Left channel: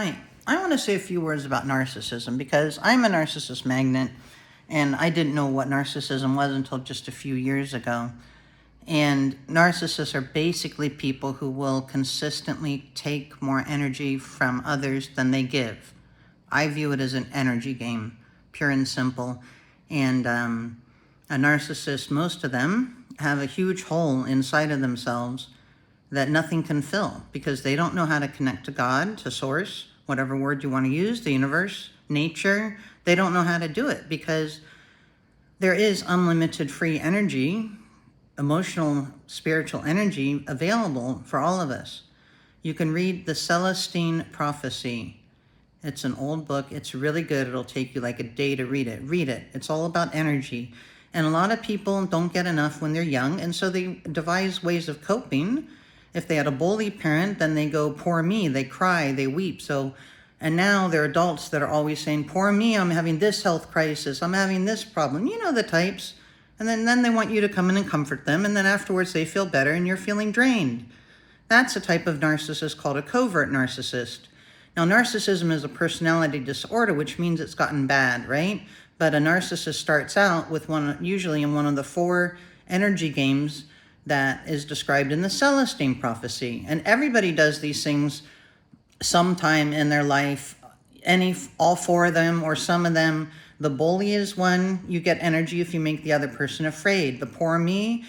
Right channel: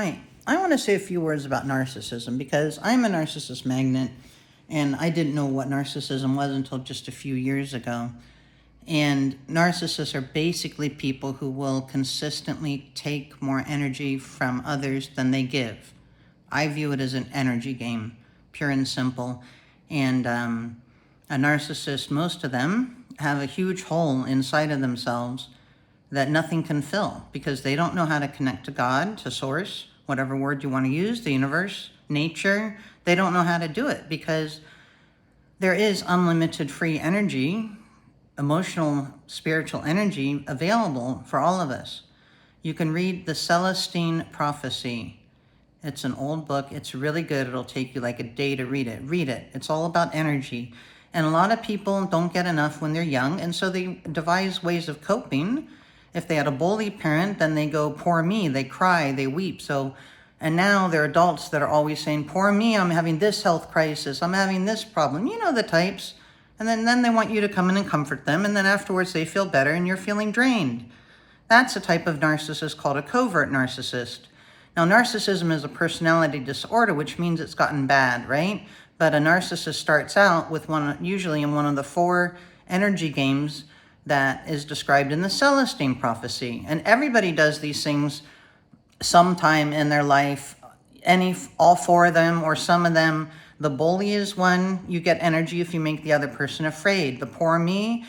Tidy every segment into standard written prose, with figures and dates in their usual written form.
Hi, I want to say a few words about narcissism because I'm a narcissist magnet and I didn't know what narcissism was until just a few years ago. And narcissists are basically people who will consistently take more energy from others than they give. I view it as an energy game, pure and simple. And a narcissist, most of them, have a huge hole inside of themselves that nothing can fill because they don't know how to connect to God, to source, whatever word you want to use, the universe, nature. They don't know how to do it because there is unlimited free energy, emotional, spiritual energy available for all of us. You can read the Celestine Prophecy. It's an old book. It's really good. It'll take you like a day to read it. Read it. It's all about energy. And a lot of people don't get enough when they're young, and so they devise ways of coping. If they had a bully parent, then they go, poor me, they cry, they weep. And now they're adults that are always saying, poor me, I'm having this health crisis, I'm having this problem. You know the types. And then they want you to come in and comfort them, and then afterwards they feel better and you're feeling drained. That's a type of narcissist called a covert narcissist. Now, narcissism is a personality disorder, which means it's gotten bad, right? But a narcissist starts out with usually in one of the 4 energy games that is described in the Celestine Prophecy. And everybody does these things sometime in their life, all 4 of them or some of them. The bully is one. You get energy if you make the other person afraid. The poor me,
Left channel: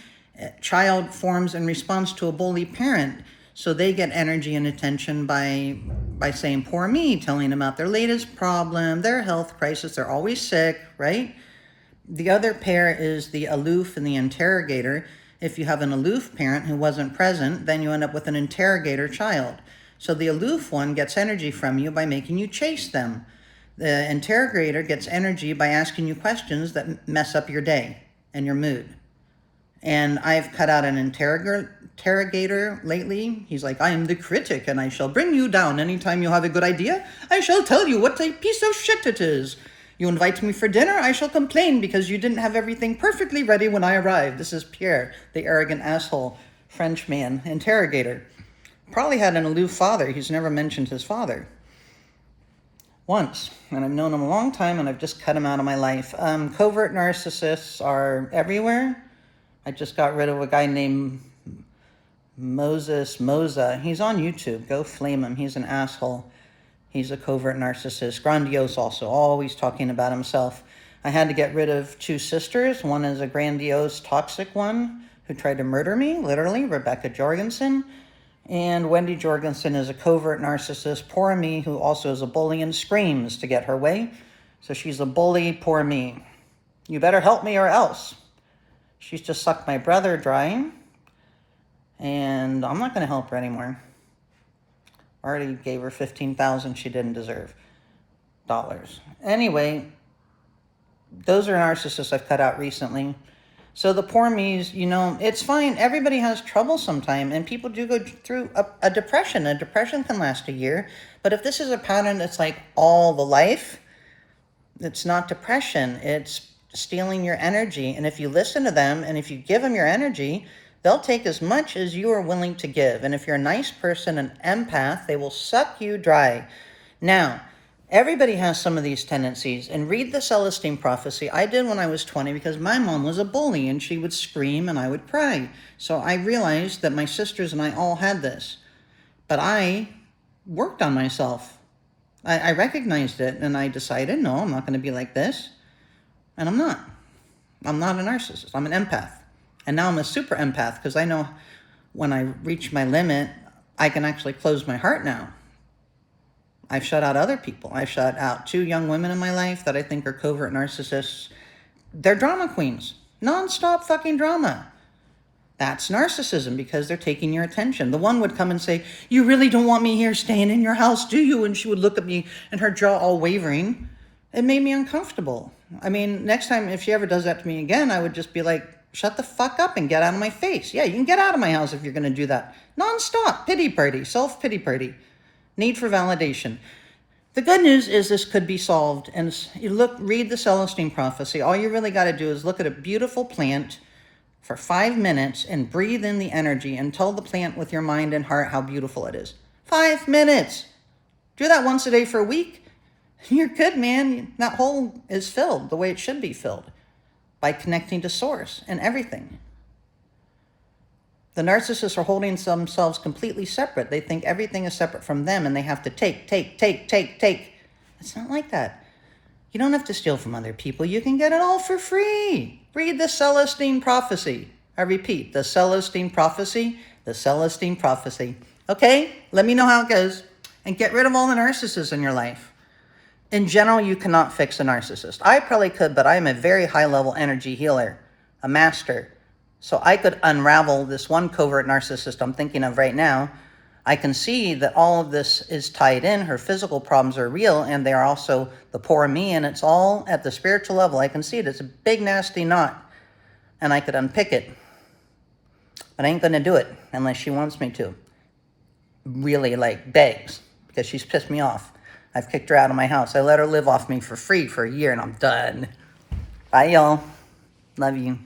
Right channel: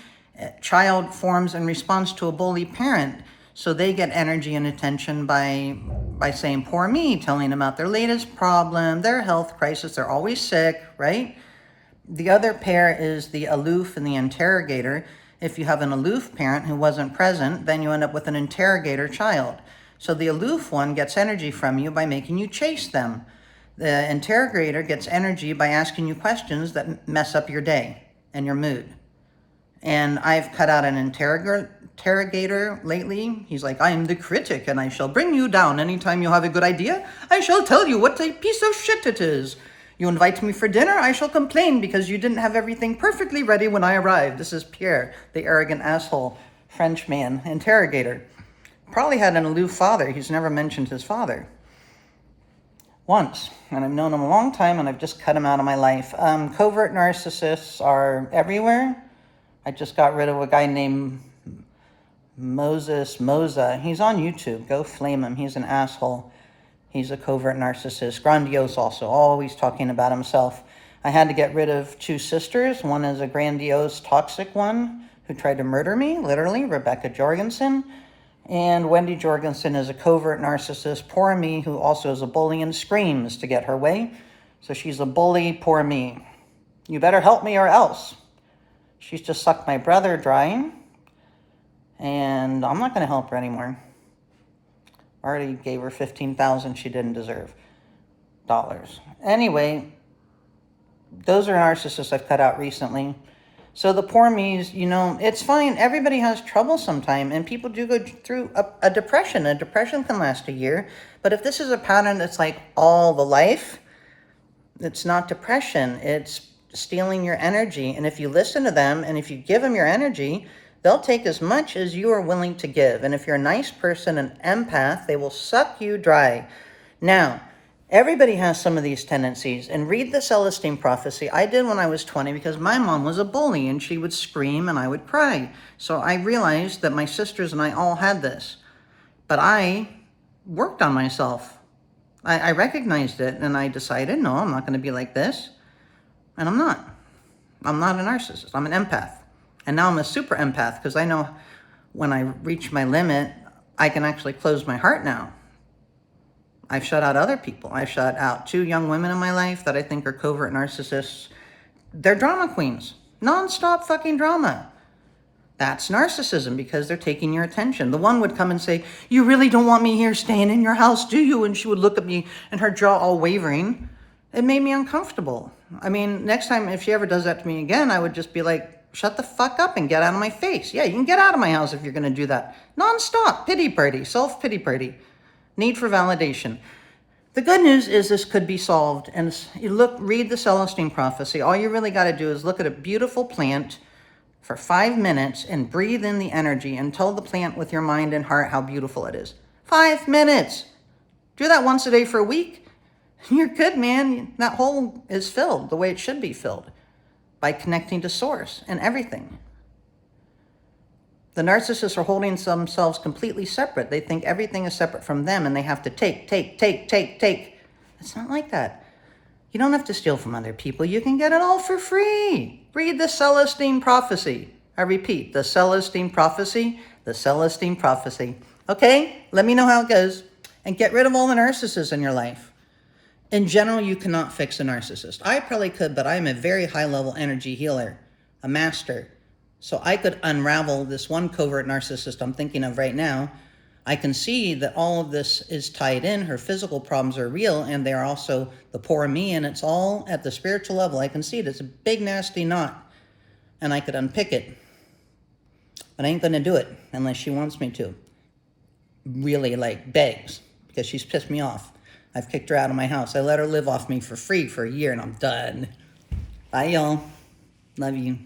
child forms in response to a bully parent. So they get energy and attention by saying, poor me, telling them about their latest problem, their health crisis, they're always sick, right? The other pair is the aloof and the interrogator. If you have an aloof parent who wasn't present, then you end up with an interrogator child. So the aloof one gets energy from you by making you chase them. The interrogator gets energy by asking you questions that mess up your day and your mood. And I've cut out an interrogator lately. He's like, I am the critic and I shall bring you down. Anytime you have a good idea, I shall tell you what a piece of shit it is. You invite me for dinner, I shall complain because you didn't have everything perfectly ready when I arrived. This is Pierre, the arrogant asshole Frenchman interrogator. Probably had an aloof father. He's never mentioned his father. Once, and I've known him a long time, and I've just cut him out of my life. Covert narcissists are everywhere. I just got rid of a guy named Moza. He's on YouTube. Go flame him. He's an asshole. He's a covert narcissist. Grandiose also, always talking about himself. I had to get rid of 2 sisters. One is a grandiose, toxic one who tried to murder me, literally, Rebecca Jorgensen. And Wendy Jorgensen is a covert narcissist, poor me, who also is a bully and screams to get her way. So she's a bully, poor me. You better help me or else. She's just sucked my brother dry. And I'm not going to help her anymore. Already gave her $15,000 she didn't deserve. Anyway, those are narcissists I've cut out recently. So the poor me's, it's fine. Everybody has trouble sometime, and people do go through a depression. A depression can last a year, but if this is a pattern that's like all the life, it's not depression. It's stealing your energy. And if you listen to them, and if you give them your energy, they'll take as much as you are willing to give. And if you're a nice person, an empath, they will suck you dry. Now, everybody has some of these tendencies. And read the Celestine Prophecy. I did when I was 20 because my mom was a bully and she would scream and I would cry. So I realized that my sisters and I all had this. But I worked on myself. I recognized it and I decided, no, I'm not going to be like this. And I'm not. I'm not a narcissist. I'm an empath. And now I'm a super empath because I know when I reach my limit, I can actually close my heart now. I've shut out other people. I shut out 2 young women in my life that I think are covert narcissists. They're drama queens. Non-stop fucking drama. That's narcissism because they're taking your attention. The one would come and say, you really don't want me here staying in your house, do you? And she would look at me and her jaw all wavering. It made me uncomfortable. I mean, next time if she ever does that to me again, I would just be like, shut the fuck up and get out of my face. Yeah, you can get out of my house if you're going to do that. Non-stop. Pity party. Self-pity party. Need for validation. The good news is this could be solved. And read the Celestine Prophecy. All you really got to do is look at a beautiful plant for 5 minutes and breathe in the energy and tell the plant with your mind and heart how beautiful it is. 5 minutes. Do that once a day for a week. You're good, man. That hole is filled the way it should be filled, by connecting to source and everything. The narcissists are holding themselves completely separate. They think everything is separate from them and they have to take. It's not like that. You don't have to steal from other people. You can get it all for free. Read the Celestine Prophecy. I repeat, the Celestine Prophecy, the Celestine Prophecy. Okay? Let me know how it goes. And get rid of all the narcissists in your life. In general, you cannot fix a narcissist. I probably could, but I am a very high-level energy healer, a master. So I could unravel this one covert narcissist I'm thinking of right now. I can see that all of this is tied in. Her physical problems are real, and they are also the poor me, and it's all at the spiritual level. I can see it. It's a big, nasty knot, and I could unpick it. But I ain't going to do it unless she wants me to. Really, like, begs, because she's pissed me off. I've kicked her out of my house. I let her live off me for free for a year, and I'm done. Bye, y'all. Love you.